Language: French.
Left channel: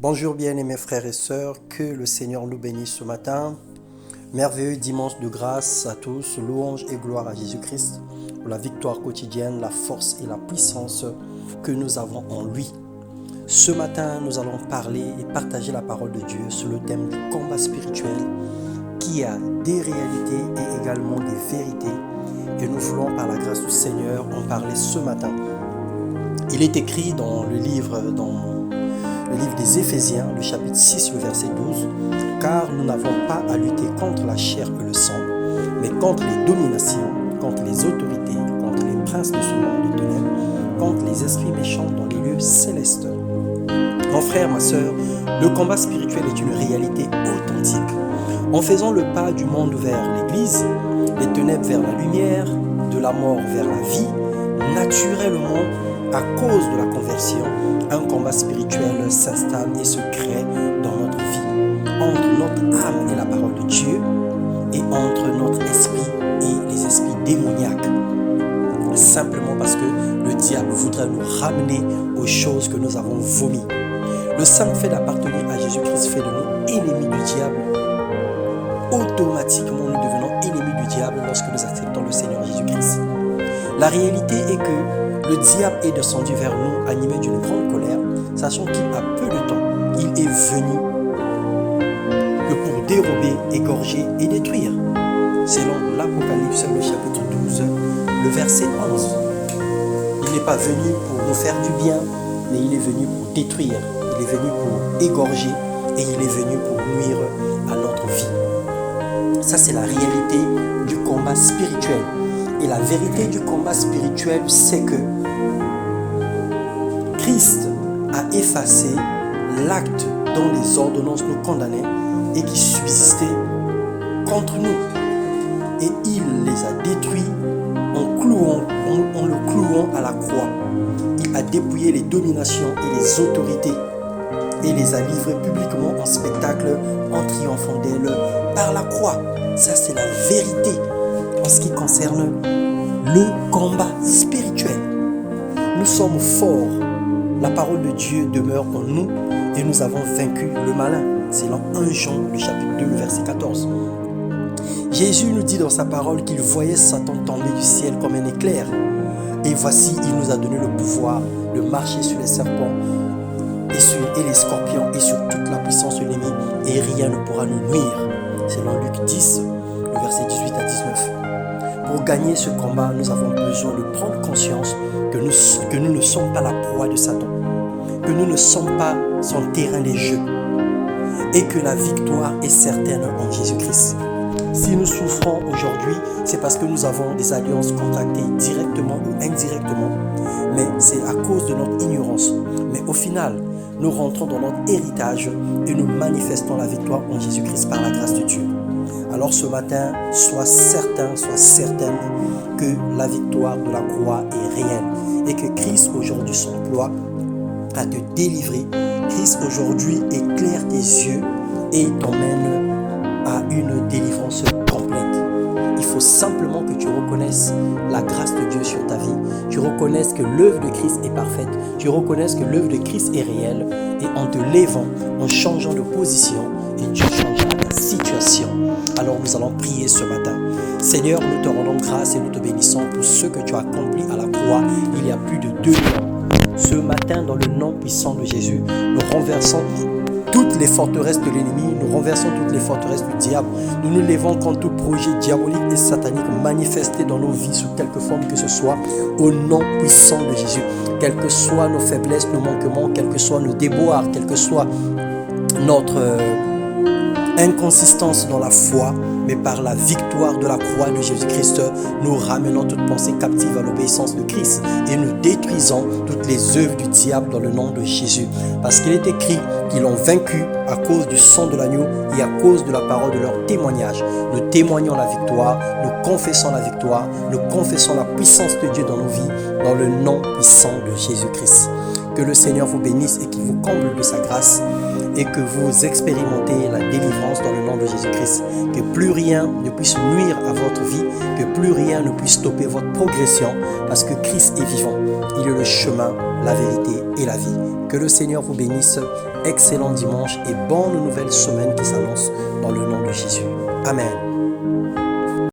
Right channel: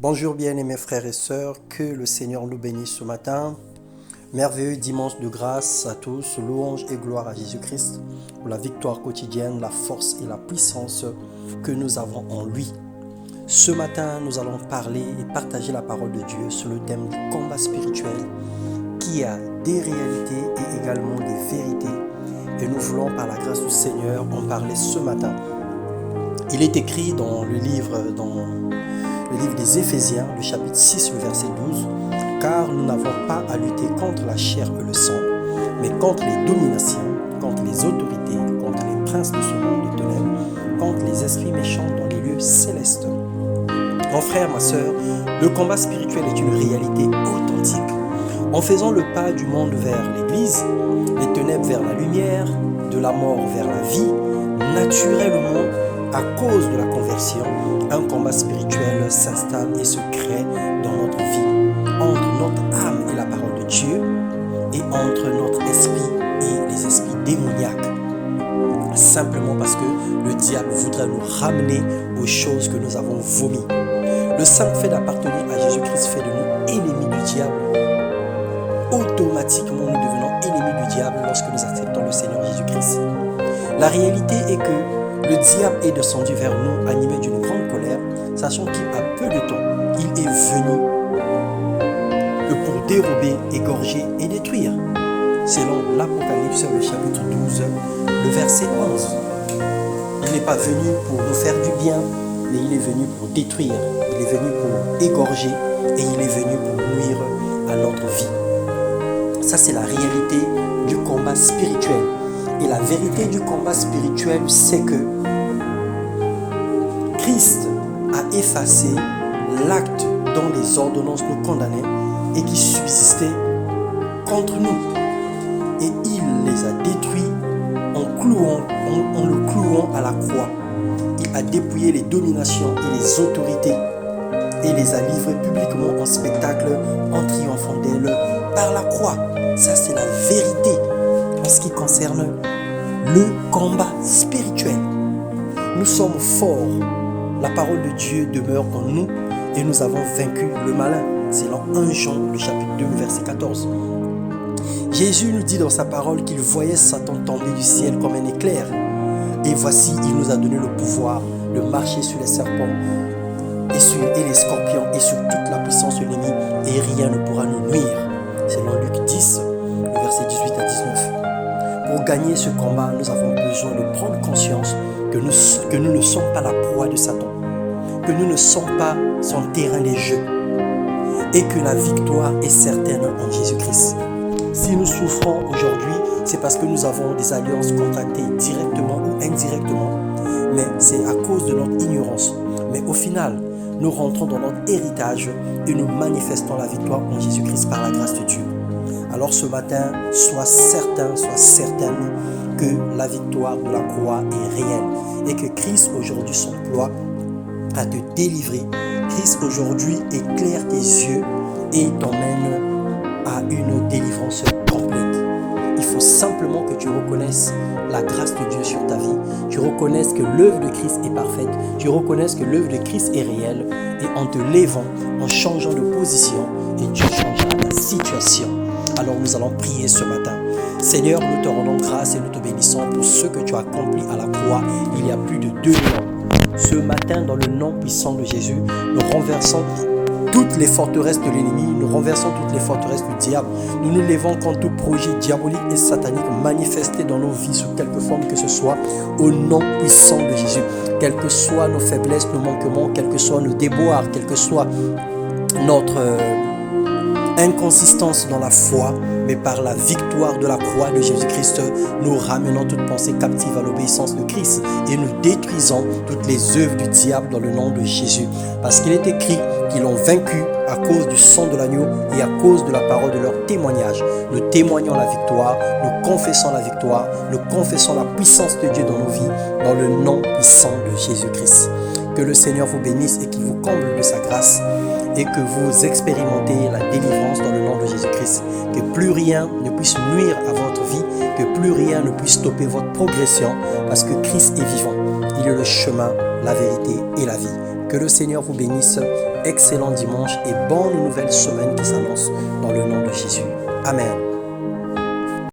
Bonjour bien-aimés frères et sœurs, que le Seigneur nous bénisse ce matin. Merveilleux dimanche de grâce à tous, louange et gloire à Jésus-Christ pour la victoire quotidienne, la force et la puissance que nous avons en lui. Ce matin, nous allons parler et partager la parole de Dieu sur le thème du combat spirituel qui a des réalités et également des vérités. Et nous voulons par la grâce du Seigneur en parler ce matin. Il est écrit dans le livre des Éphésiens, le chapitre 6, le verset 12, « Car nous n'avons pas à lutter contre la chair et le sang, mais contre les dominations, contre les autorités, contre les princes de ce monde de ténèbres, contre les esprits méchants dans les lieux célestes. » Mon frère, ma sœur, le combat spirituel est une réalité authentique. En faisant le pas du monde vers l'Église, des ténèbres vers la lumière, de la mort vers la vie, naturellement, à cause de la conversion, un combat spirituel s'installe et se crée dans notre vie, entre notre âme et la parole de Dieu, et entre notre esprit et les esprits démoniaques. Simplement parce que le diable voudrait nous ramener aux choses que nous avons vomies. Le simple fait d'appartenir à Jésus-Christ fait de nous ennemis du diable. Automatiquement, nous devenons ennemis du diable lorsque nous acceptons le Seigneur Jésus-Christ. La réalité est que le diable est descendu vers nous animé d'une grande colère, sachant qu'il a peu de temps, il est venu que pour dérober, égorger et détruire. Selon l'Apocalypse, le chapitre 12, le verset 11. Il n'est pas venu pour nous faire du bien, mais il est venu pour détruire, il est venu pour égorger et il est venu pour nuire à notre vie. Ça, c'est la réalité du combat spirituel. Et la vérité du combat spirituel, c'est que Christ a effacé l'acte dont les ordonnances nous condamnaient et qui subsistait contre nous. Et il les a détruits en le clouant à la croix. Il a dépouillé les dominations et les autorités et les a livrées publiquement en spectacle en triomphant d'elles par la croix. Ça, c'est la vérité en ce qui concerne le combat spirituel. Nous sommes forts. La parole de Dieu demeure en nous et nous avons vaincu le malin. C'est dans 1 Jean, le chapitre 2, le verset 14. Jésus nous dit dans sa parole qu'il voyait Satan tomber du ciel comme un éclair. Et voici, il nous a donné le pouvoir de marcher sur les serpents et les scorpions et sur toute la puissance de l'ennemi et rien ne pourra nous nuire. Selon Luc 10, le verset 18 à 19. Pour gagner ce combat, nous avons besoin de prendre conscience que nous ne sommes pas la proie de Satan, que nous ne sommes pas son terrain de jeu et que la victoire est certaine en Jésus-Christ. Si nous souffrons aujourd'hui, c'est parce que nous avons des alliances contractées directement ou indirectement, mais c'est à cause de notre ignorance. Mais au final, nous rentrons dans notre héritage et nous manifestons la victoire en Jésus-Christ par la grâce de Dieu. Alors ce matin, sois certain, sois certaine que la victoire de la croix est réelle et que Christ aujourd'hui s'emploie à te délivrer. Christ aujourd'hui éclaire tes yeux et t'emmène à une délivrance complète. Il faut simplement que tu reconnaisses la grâce de Dieu sur ta vie. Tu reconnaisses que l'œuvre de Christ est parfaite. Tu reconnaisses que l'œuvre de Christ est réelle. Et en te levant, en changeant de position, et Dieu changera ta situation. Alors nous allons prier ce matin. Seigneur, nous te rendons grâce et nous te bénissons pour ce que tu as accompli à la croix il y a plus de 2000 ans. Ce matin, dans le nom puissant de Jésus, nous renversons toutes les forteresses de l'ennemi, nous renversons toutes les forteresses du diable. Nous nous levons contre tout projet diabolique et satanique manifesté dans nos vies sous quelque forme que ce soit, au nom puissant de Jésus. Quelles que soient nos faiblesses, nos manquements, quels que soient nos déboires, quelle que soit notre inconsistance dans la foi, mais par la victoire de la croix de Jésus-Christ, nous ramenons toute pensée captive à l'obéissance de Christ et nous détruisons toutes les œuvres du diable dans le nom de Jésus. Parce qu'il est écrit qu'ils l'ont vaincu à cause du sang de l'agneau et à cause de la parole de leur témoignage. Nous témoignons la victoire, nous confessons la victoire, nous confessons la puissance de Dieu dans nos vies, dans le nom puissant de Jésus-Christ. Que le Seigneur vous bénisse et qu'il vous comble de sa grâce et que vous expérimentez la délivrance dans le nom de Jésus-Christ. Que plus rien ne puisse nuire à votre vie, que plus rien ne puisse stopper votre progression, parce que Christ est vivant. Il est le chemin, la vérité et la vie. Que le Seigneur vous bénisse. Excellent dimanche et bonne nouvelle semaine qui s'annonce dans le nom de Jésus. Amen.